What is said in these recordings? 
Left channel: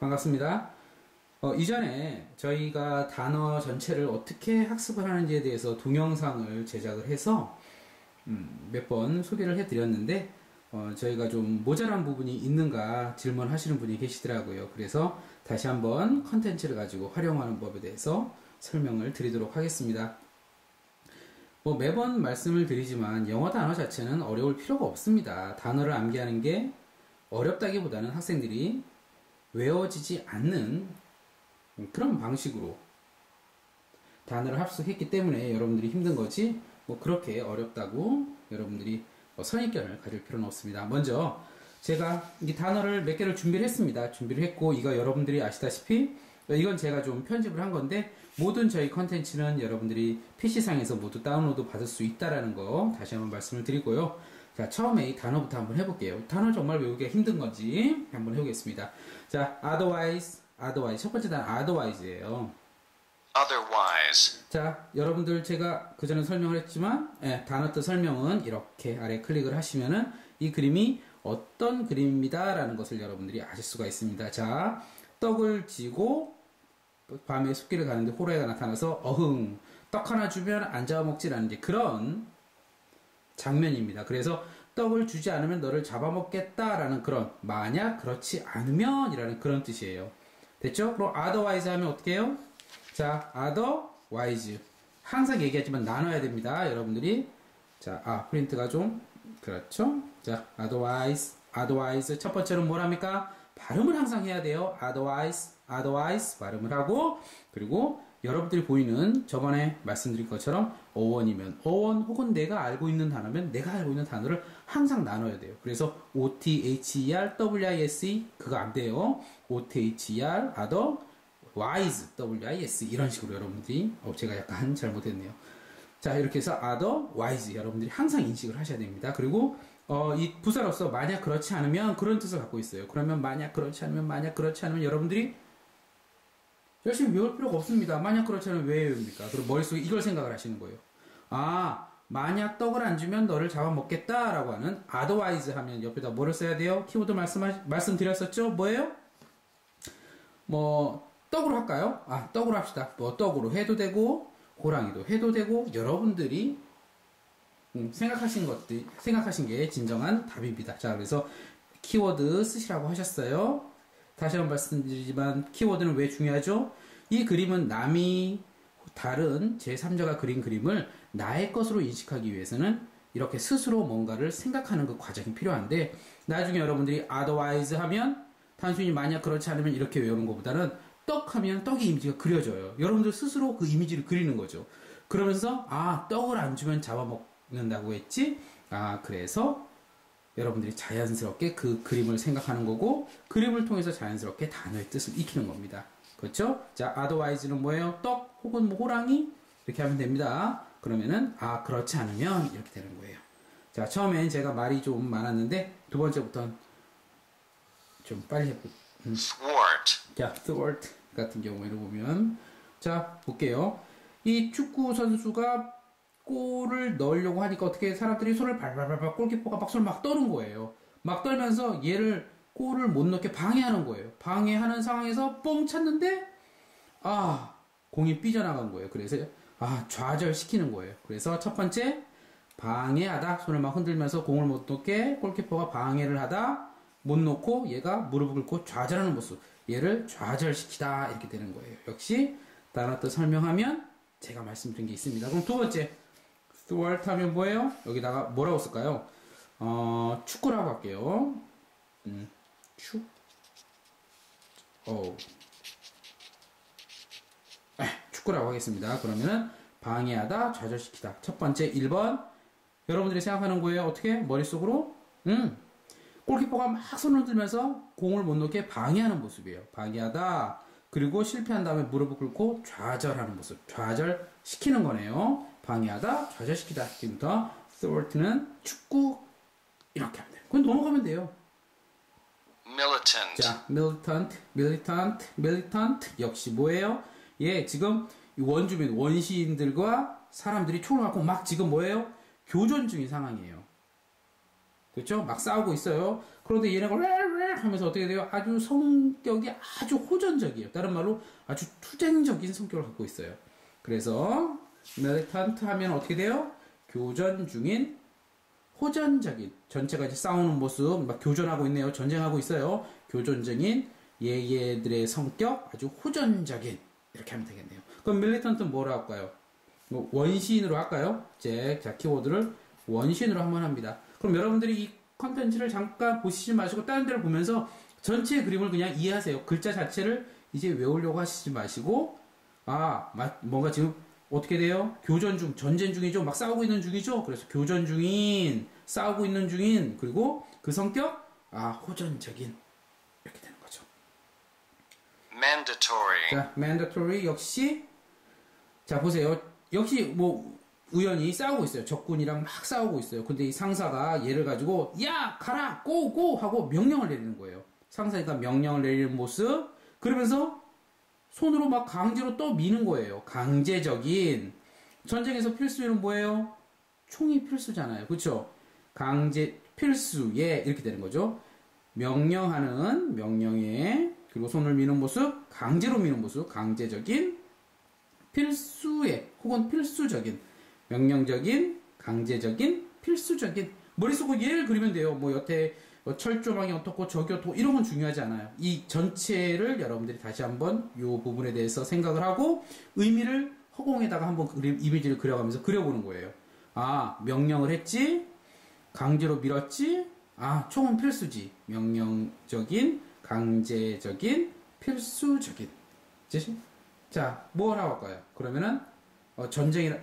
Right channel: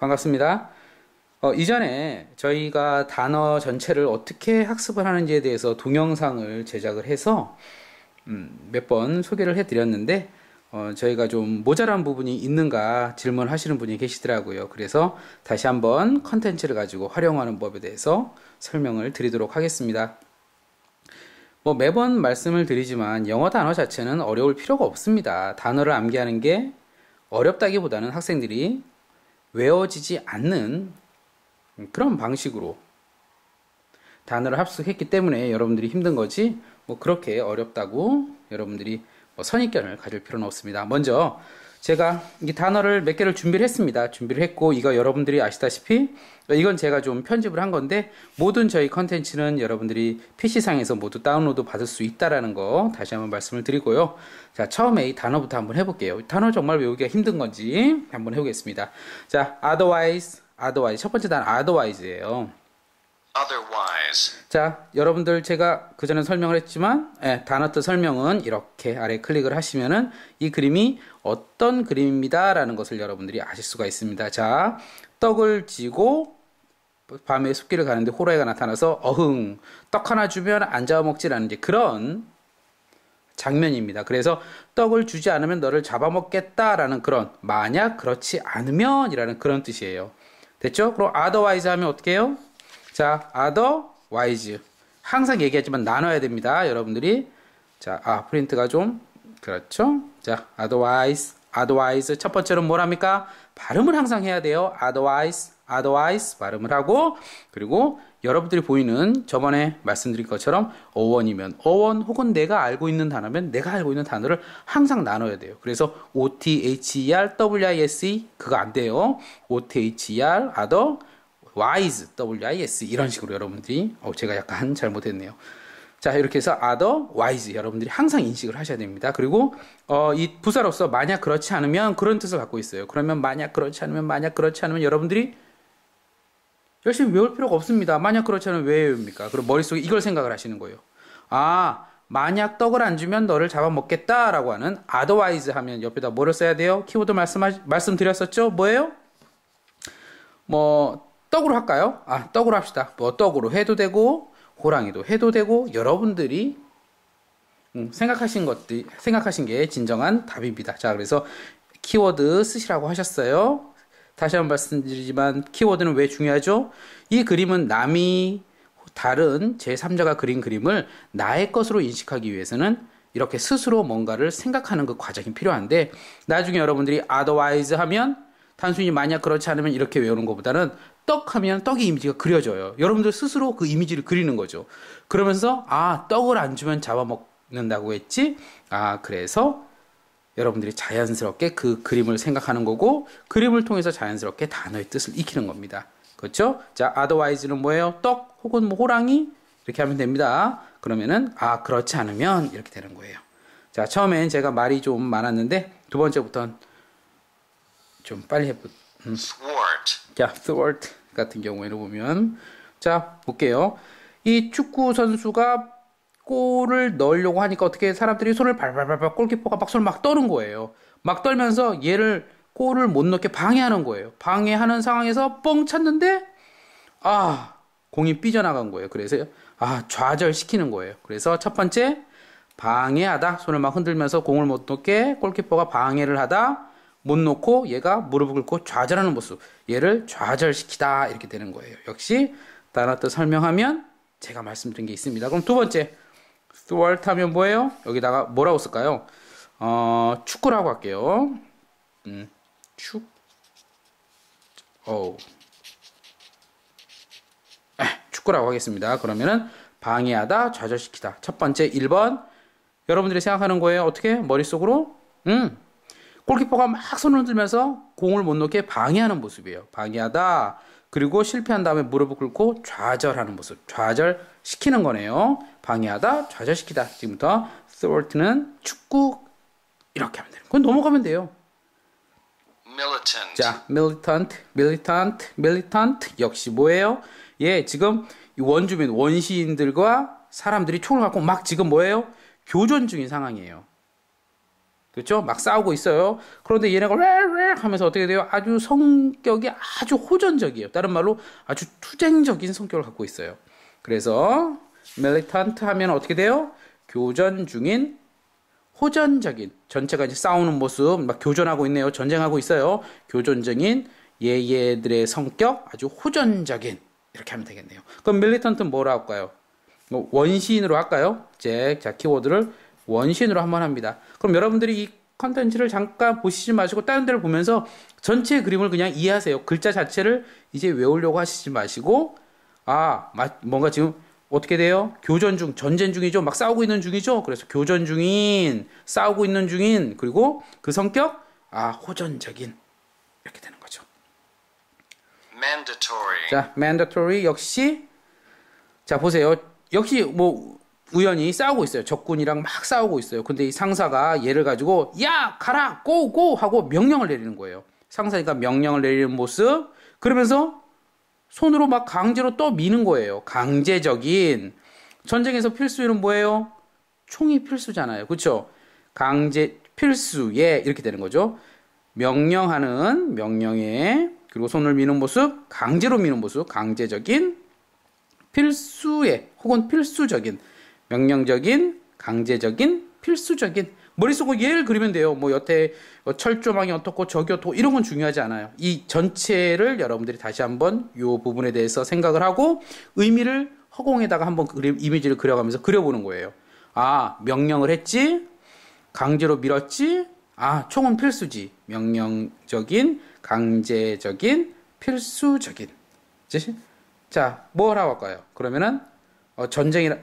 반갑습니다. 이전에 저희가 단어 전체를 어떻게 학습을 하는지에 대해서 동영상을 제작을 해서 몇 번 소개를 해드렸는데 저희가 좀 모자란 부분이 있는가 질문하시는 분이 계시더라고요. 그래서 다시 한번 컨텐츠를 가지고 활용하는 법에 대해서 설명을 드리도록 하겠습니다. 매번 말씀을 드리지만 영어 단어 자체는 어려울 필요가 없습니다. 단어를 암기하는 게 어렵다기보다는 학생들이 외워지지 않는 그런 방식으로 단어를 합숙했기 때문에 여러분들이 힘든 거지 그렇게 어렵다고 여러분들이 선입견을 가질 필요는 없습니다. 먼저 제가 이 단어를 몇 개를 준비를 했습니다. 준비를 했고 이거 여러분들이 아시다시피 이건 제가 좀 편집을 한 건데 모든 저희 컨텐츠는 여러분들이 PC상에서 모두 다운로드 받을 수 있다라는 거 다시 한번 말씀을 드리고요. 자, 처음에 이 단어부터 한번 해볼게요. 단어 정말 외우기가 힘든 건지 한번 해보겠습니다. 자, otherwise 첫 번째 단어 otherwise예요. Otherwise. 자, 여러분들 제가 그전에 설명을 했지만 단어 뜻 설명은 이렇게 아래 클릭을 하시면은 이 그림이 어떤 그림입니다 라는 것을 여러분들이 아실 수가 있습니다. 자, 떡을 쥐고 밤에 숲길을 가는데 호랑이가 나타나서 어흥 떡 하나 주면 안 잡아먹지라는 이제 그런 장면입니다. 그래서 떡을 주지 않으면 너를 잡아먹겠다라는 그런 만약 그렇지 않으면 이라는 그런 뜻이에요. 됐죠? 그럼 otherwise 하면 어떻게 해요? 자, otherwise 항상 얘기하지만 나눠야 됩니다. 여러분들이 자, 프린트가 좀 그렇죠? 자, otherwise 첫 번째로 뭐랍니까? 발음을 항상 해야 돼요. otherwise 발음을 하고 그리고 여러분들이 보이는 저번에 말씀드린 것처럼 어원이면 어원 혹은 내가 알고 있는 단어면 내가 알고 있는 단어를 항상 나눠야 돼요. 그래서 other, wise 그거 안 돼요. other, otherwise, wise 이런 식으로 여러분들이 제가 약간 잘못했네요. 자, 이렇게 해서 otherwise 여러분들이 항상 인식을 하셔야 됩니다. 그리고 이 부사로서 만약 그렇지 않으면 그런 뜻을 갖고 있어요. 그러면 만약 그렇지 않으면 여러분들이 열심히 외울 필요가 없습니다. 만약 그렇지 않으면 왜 외웁니까? 그럼 머릿속에 이걸 생각을 하시는 거예요. 만약 떡을 안 주면 너를 잡아먹겠다 라고 하는 otherwise 하면 옆에다 뭐를 써야 돼요? 키워드 말씀드렸었죠? 뭐예요? 떡으로 할까요? 떡으로 합시다. 떡으로 해도 되고 호랑이도 해도 되고 여러분들이 생각하신 게 진정한 답입니다. 자, 그래서 키워드 쓰시라고 하셨어요. 다시 한번 말씀드리지만 키워드는 왜 중요하죠? 이 그림은 남이 다른 제3자가 그린 그림을 나의 것으로 인식하기 위해서는 이렇게 스스로 뭔가를 생각하는 그 과정이 필요한데 나중에 여러분들이 otherwise 하면 단순히 만약 그렇지 않으면 이렇게 외우는 것보다는 떡 하면 떡의 이미지가 그려져요. 여러분들 스스로 그 이미지를 그리는 거죠. 그러면서 떡을 안 주면 잡아먹는다고 했지? 그래서 여러분들이 자연스럽게 그 그림을 생각하는 거고 그림을 통해서 자연스럽게 단어의 뜻을 익히는 겁니다. 그렇죠? 자, otherwise는 뭐예요? 떡 혹은 호랑이 이렇게 하면 됩니다. 그러면은 그렇지 않으면 이렇게 되는 거예요. 자, 처음엔 제가 말이 좀 많았는데 두 번째부터는 좀 빨리 thwart. 자, thwart 같은 경우에는 보면 자, 볼게요. 이 축구 선수가 골을 넣으려고 하니까 어떻게 사람들이 손을 발발발발 골키퍼가 막 손을 막 떠는 거예요. 막 떨면서 얘를 골을 못 넣게 방해하는 거예요. 방해하는 상황에서 뻥 찼는데 공이 삐져나간 거예요. 그래서 좌절시키는 거예요. 그래서 첫 번째 방해하다 손을 막 흔들면서 공을 못 넣게 골키퍼가 방해를 하다 못 놓고 얘가 무릎을 꿇고 좌절하는 모습 얘를 좌절시키다 이렇게 되는 거예요. 역시 단어 뜻 설명하면 제가 말씀드린 게 있습니다. 그럼 두 번째 thwart 하면 뭐예요? 여기다가 뭐라고 쓸까요? 축구라고 할게요. 축구라고 하겠습니다. 그러면은 방해하다 좌절시키다 첫 번째 1번 여러분들이 생각하는 거예요. 어떻게? 머릿속으로 골키퍼가 막 손을 들면서 공을 못 넣게 방해하는 모습이에요. 방해하다. 그리고 실패한 다음에 무릎을 꿇고 좌절하는 모습. 좌절시키는 거네요. 방해하다, 좌절시키다. 지금부터 thwart는 축구 이렇게 하면 돼요. 그건 넘어가면 돼요. Militant. 자, militant 역시 뭐예요? 지금 원주민, 원시인들과 사람들이 총을 갖고 막 지금 뭐예요? 교전 중인 상황이에요. 그렇죠? 막 싸우고 있어요. 그런데 얘네가 왜 하면서 어떻게 돼요? 아주 성격이 아주 호전적이에요. 다른 말로 아주 투쟁적인 성격을 갖고 있어요. 그래서 militant 하면 어떻게 돼요? 교전 중인 호전적인 전체가 이제 싸우는 모습 막 교전하고 있네요. 전쟁하고 있어요. 교전적인 얘들의 성격 아주 호전적인 이렇게 하면 되겠네요. 그럼 militant는 뭐로 할까요? 뭐 원시인으로 할까요? 자 키워드를 원시인으로 한번 합니다. 그럼 여러분들이 이 컨텐츠를 잠깐 보시지 마시고 다른 데를 보면서 전체 그림을 그냥 이해하세요. 글자 자체를 이제 외우려고 하시지 마시고 뭔가 지금 어떻게 돼요? 교전 중, 전쟁 중이죠. 막 싸우고 있는 중이죠. 그래서 교전 중인, 싸우고 있는 중인, 그리고 그 성격 호전적인 이렇게 되는 거죠. mandatory, 자, mandatory 역시 자 보세요. 역시 뭐 우연히 싸우고 있어요. 적군이랑 막 싸우고 있어요. 근데 이 상사가 얘를 가지고 야 가라 고고 하고 명령을 내리는 거예요. 상사니까 명령을 내리는 모습 그러면서 손으로 막 강제로 또 미는 거예요. 강제적인 전쟁에서 필수는 뭐예요? 총이 필수잖아요. 그렇죠? 강제 필수예 이렇게 되는 거죠. 명령하는 명령에 그리고 손을 미는 모습 강제로 미는 모습 강제적인 필수예 혹은 필수적인 명령적인, 강제적인, 필수적인 머릿속으로 얘를 그리면 돼요. 뭐 여태 철조망이 어떻고 저기 어떻고 이런 건 중요하지 않아요. 이 전체를 여러분들이 다시 한번 이 부분에 대해서 생각을 하고 의미를 허공에다가 한번 이미지를 그려가면서 그려보는 거예요. 명령을 했지, 강제로 밀었지, 총은 필수지. 명령적인, 강제적인, 필수적인. 자, 뭐라고 할까요? 그러면은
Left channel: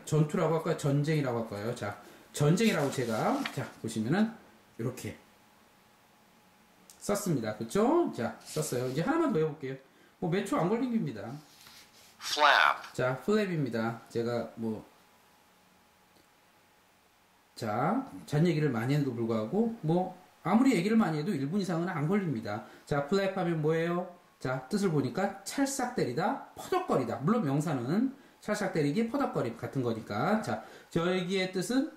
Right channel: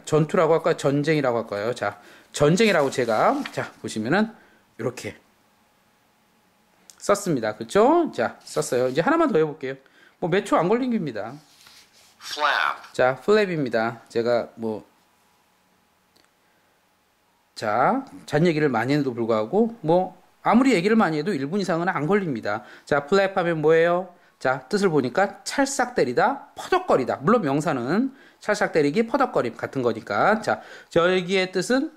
전투라고 할까요? 전쟁이라고 할까요? 자, 전쟁이라고 제가, 보시면은, 이렇게 썼습니다. 그쵸? 자, 썼어요. 이제 하나만 더 해볼게요. 뭐, 몇 초 안 걸린 겁니다. flap, 자, 플랩입니다. 제가 잔 얘기를 많이 해도 불구하고, 아무리 얘기를 많이 해도 1분 이상은 안 걸립니다. 자, 플랩 하면 뭐예요? 자, 뜻을 보니까 찰싹 때리다, 퍼덕거리다. 물론 명사는 찰싹 때리기, 퍼덕거림 같은 거니까. 자, 저기의 뜻은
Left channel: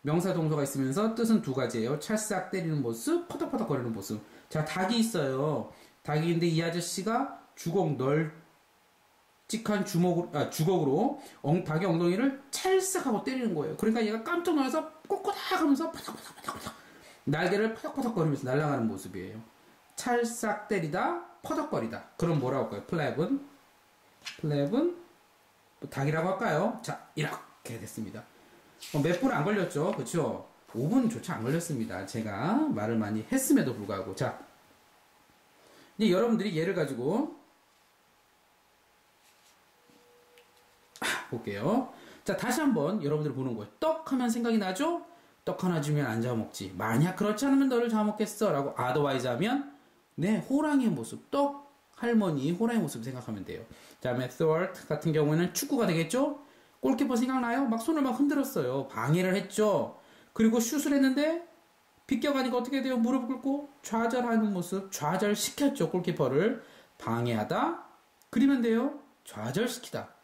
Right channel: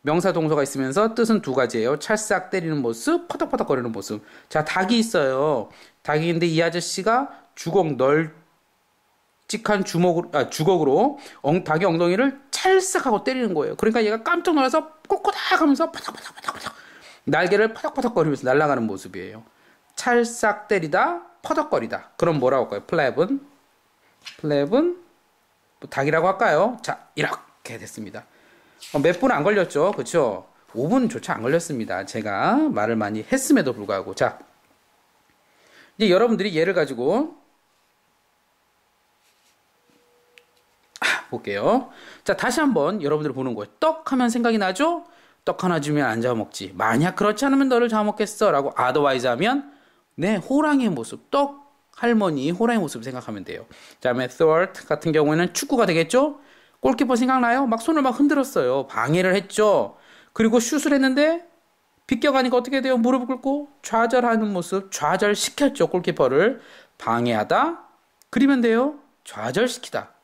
명사 동사가 있으면서 뜻은 두 가지예요. 찰싹 때리는 모습, 퍼덕퍼덕거리는 모습. 자, 닭이 있어요. 닭인데 이 아저씨가 널찍한 주걱으로 닭의 엉덩이를 찰싹 하고 때리는 거예요. 그러니까 얘가 깜짝 놀라서 꼬꼬닥 하면서 퍼덕퍼덕퍼덕 날개를 퍼덕퍼덕거리면서 날아가는 모습이에요. 찰싹 때리다, 퍼덕거리다. 그럼 뭐라고 할까요? 플랩은 닭이라고 할까요? 자, 이렇게 됐습니다. 몇 분 안 걸렸죠? 그쵸? 5분조차 안 걸렸습니다. 제가 말을 많이 했음에도 불구하고. 자, 이제 여러분들이 얘를 가지고 볼게요. 자, 다시 한번 여러분들 보는 거예요. 떡 하면 생각이 나죠? 떡 하나 주면 안 잡아먹지. 만약 그렇지 않으면 너를 잡아먹겠어. 라고 otherwise 하면 호랑이의 모습, 떡 할머니 호랑이 모습 생각하면 돼요. 자, thwart 같은 경우에는 축구가 되겠죠? 골키퍼 생각나요? 막 손을 막 흔들었어요. 방해를 했죠. 그리고 슛을 했는데 비껴가니까 어떻게 돼요? 무릎을 꿇고 좌절하는 모습, 좌절시켰죠. 골키퍼를 방해하다. 그리면 돼요. 좌절시키다.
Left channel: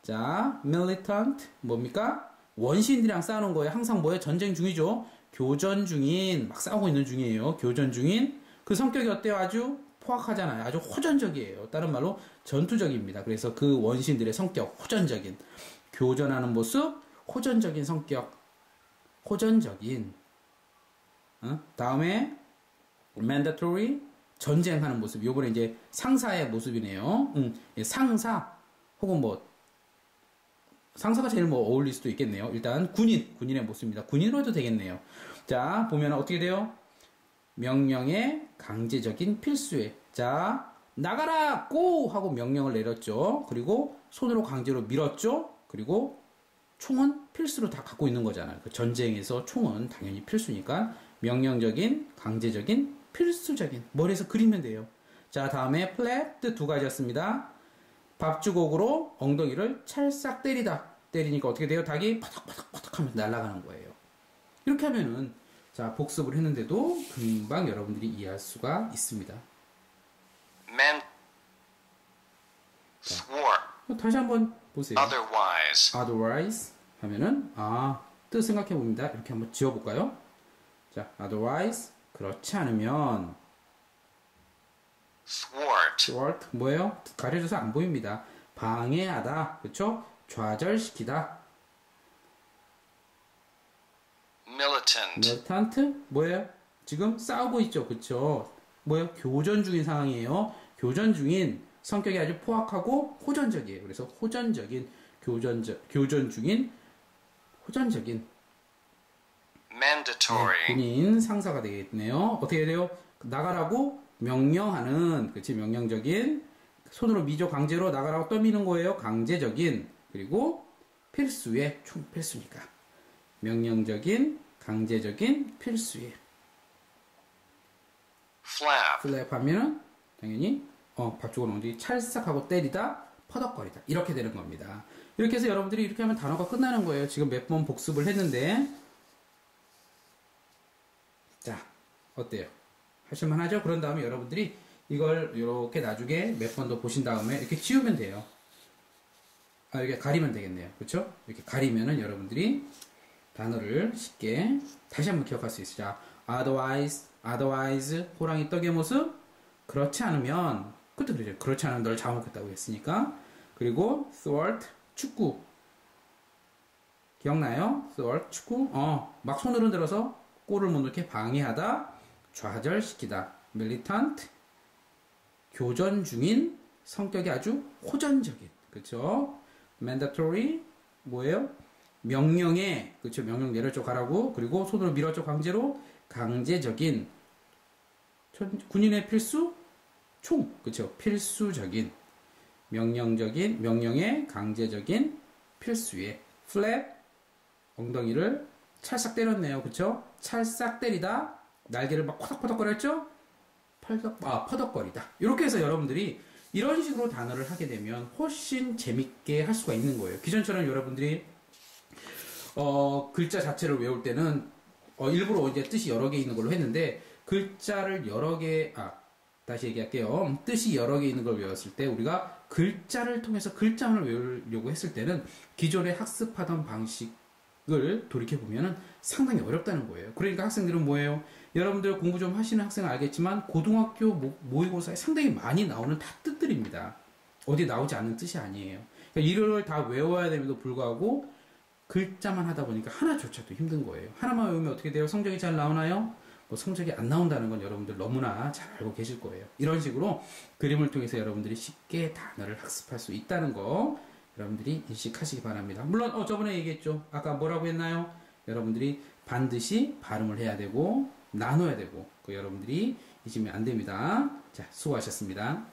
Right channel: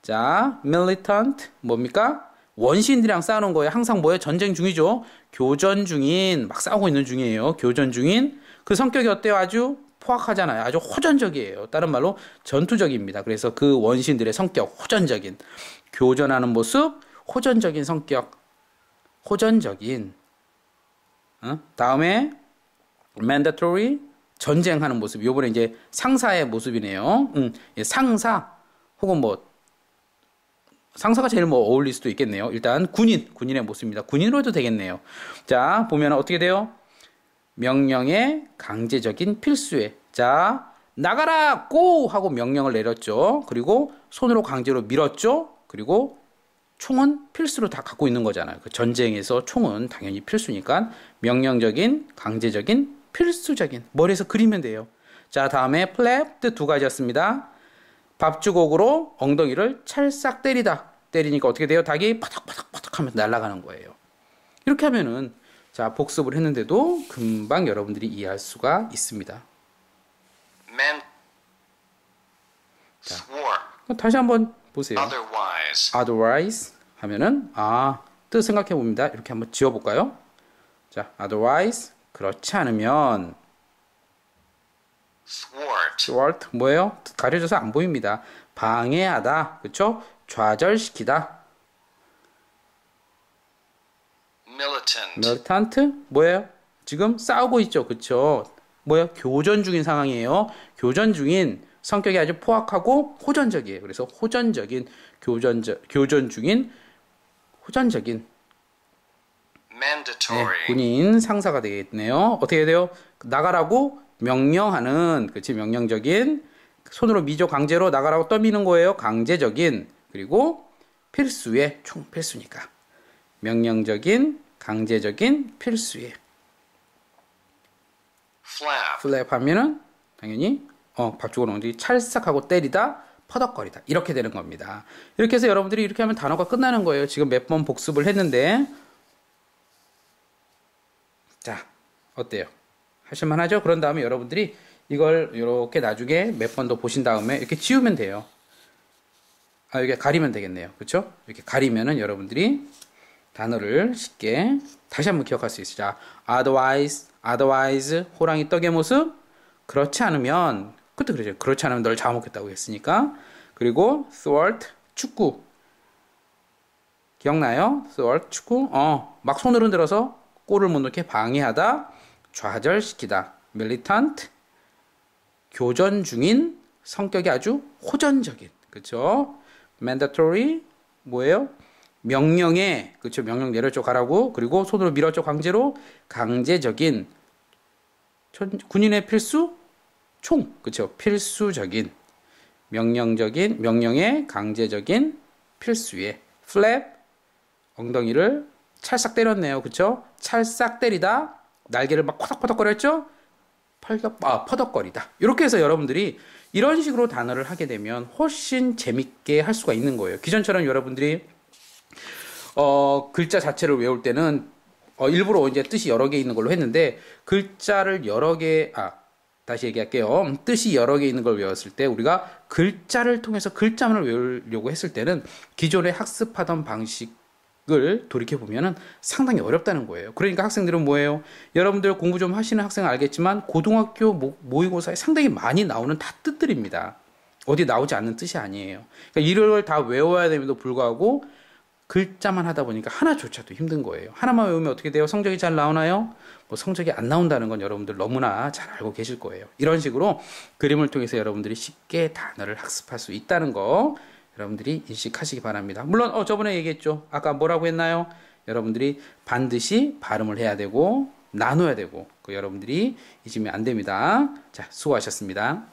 자, militant 뭡니까? 원시인들이랑 싸우는 거예요. 항상 뭐예요? 전쟁 중이죠. 교전 중인 막 싸우고 있는 중이에요. 교전 중인 그 성격이 어때요? 아주 포악하잖아요. 아주 호전적이에요. 다른 말로 전투적입니다. 그래서 그 원시인들의 성격 호전적인 교전하는 모습, 호전적인 성격, 호전적인. 다음에 mandatory 전쟁하는 모습. 요번에 이제 상사의 모습이네요. 상사 혹은 상사가 제일 어울릴 수도 있겠네요. 일단 군인의 모습입니다. 군인으로 해도 되겠네요. 자, 보면 어떻게 돼요? 명령의 강제적인 필수에. 자, 나가라! 고! 하고 명령을 내렸죠. 그리고 손으로 강제로 밀었죠. 그리고 총은 필수로 다 갖고 있는 거잖아요. 그 전쟁에서 총은 당연히 필수니까 명령적인, 강제적인, 필수적인. 머리에서 그리면 돼요. 자, 다음에 플랩 뜻 두 가지였습니다. 밥주걱으로 엉덩이를 찰싹 때리다. 때리니까 어떻게 돼요? 닭이 퍼덕퍼덕퍼덕 하면서 날아가는 거예요. 이렇게 하면은 자, 복습을 했는데도 금방 여러분들이 이해할 수가 있습니다. thwart, 다시 한번 보세요. otherwise, otherwise 하면은 뜻 생각해 봅니다. 이렇게 한번 지워 볼까요? 자, otherwise 그렇지 않으면 thwart, thwart 뭐예요? 가려져서 안 보입니다. 방해하다, 그렇죠? 좌절시키다. militant, militant 뭐예요? 지금 싸우고 있죠, 그렇죠? 뭐예요? 교전 중인 상황이에요. 교전 중인 성격이 아주 포악하고 호전적이에요. 그래서 호전적인 교전 중인 호전적인 mandatory, 군인 상사가 되겠네요. 어떻게 해야 돼요? 나가라고 명령하는, 그렇지, 명령적인, 손으로 미조 강제로 나가라고 떠미는 거예요. 강제적인, 그리고 필수의, 총 필수니까. 명령적인, 강제적인, 필수의. flap, 플랩 하면은 당연히 밥죽을 어디 찰싹하고 때리다, 퍼덕거리다, 이렇게 되는 겁니다. 이렇게 해서 여러분들이 이렇게 하면 단어가 끝나는 거예요. 지금 몇 번 복습을 했는데, 자, 어때요? 하실만 하죠? 그런 다음에 여러분들이 이걸 이렇게 나중에 몇 번 더 보신 다음에 이렇게 지우면 돼요. 이렇게 가리면 되겠네요. 그렇죠? 이렇게 가리면은 여러분들이 단어를 쉽게 다시 한번 기억할 수 있어요. 자, otherwise, 호랑이 떡의 모습. 그렇지 않으면, 그때 그러죠. 그렇지 않으면 널 잡아먹겠다고 했으니까. 그리고 thwart, 축구. 기억나요? thwart, 축구. 막 손을 흔들어서 골을 못 넣게 방해하다, 좌절시키다. militant, 교전 중인, 성격이 아주 호전적인. 그렇죠? mandatory, 뭐예요? 명령에, 그렇죠? 명령 내려줘 가라고. 그리고 손으로 밀어줘 강제로. 강제적인, 군인의 필수, 총, 그렇죠? 필수적인, 명령적인, 명령에 강제적인, 필수의. flap, 엉덩이를 찰싹 때렸네요. 그쵸? 찰싹 때리다, 날개를 막 퍼덕퍼덕거렸죠? 퍼덕거리다. 이렇게 해서 여러분들이 이런 식으로 단어를 하게 되면 훨씬 재밌게 할 수가 있는 거예요. 기존처럼 여러분들이 글자 자체를 외울 때는 일부러 이제 뜻이 여러 개 있는 걸로 했는데, 글자를 여러 개, 다시 얘기할게요. 뜻이 여러 개 있는 걸 외웠을 때 우리가 글자를 통해서 글자만을 외우려고 했을 때는 기존에 학습하던 방식을 돌이켜보면 상당히 어렵다는 거예요. 그러니까 학생들은 뭐예요? 여러분들 공부 좀 하시는 학생은 알겠지만 고등학교 모의고사에 상당히 많이 나오는 다 뜻들입니다. 어디 나오지 않는 뜻이 아니에요. 그러니까 이걸 다 외워야 됨에도 불구하고 글자만 하다 보니까 하나조차도 힘든 거예요. 하나만 외우면 어떻게 돼요? 성적이 잘 나오나요? 뭐 성적이 안 나온다는 건 여러분들 너무나 잘 알고 계실 거예요. 이런 식으로 그림을 통해서 여러분들이 쉽게 단어를 학습할 수 있다는 거 여러분들이 인식하시기 바랍니다. 물론 저번에 얘기했죠. 아까 뭐라고 했나요? 여러분들이 반드시 발음을 해야 되고 나눠야 되고, 여러분들이 잊으면 안 됩니다. 자, 수고하셨습니다.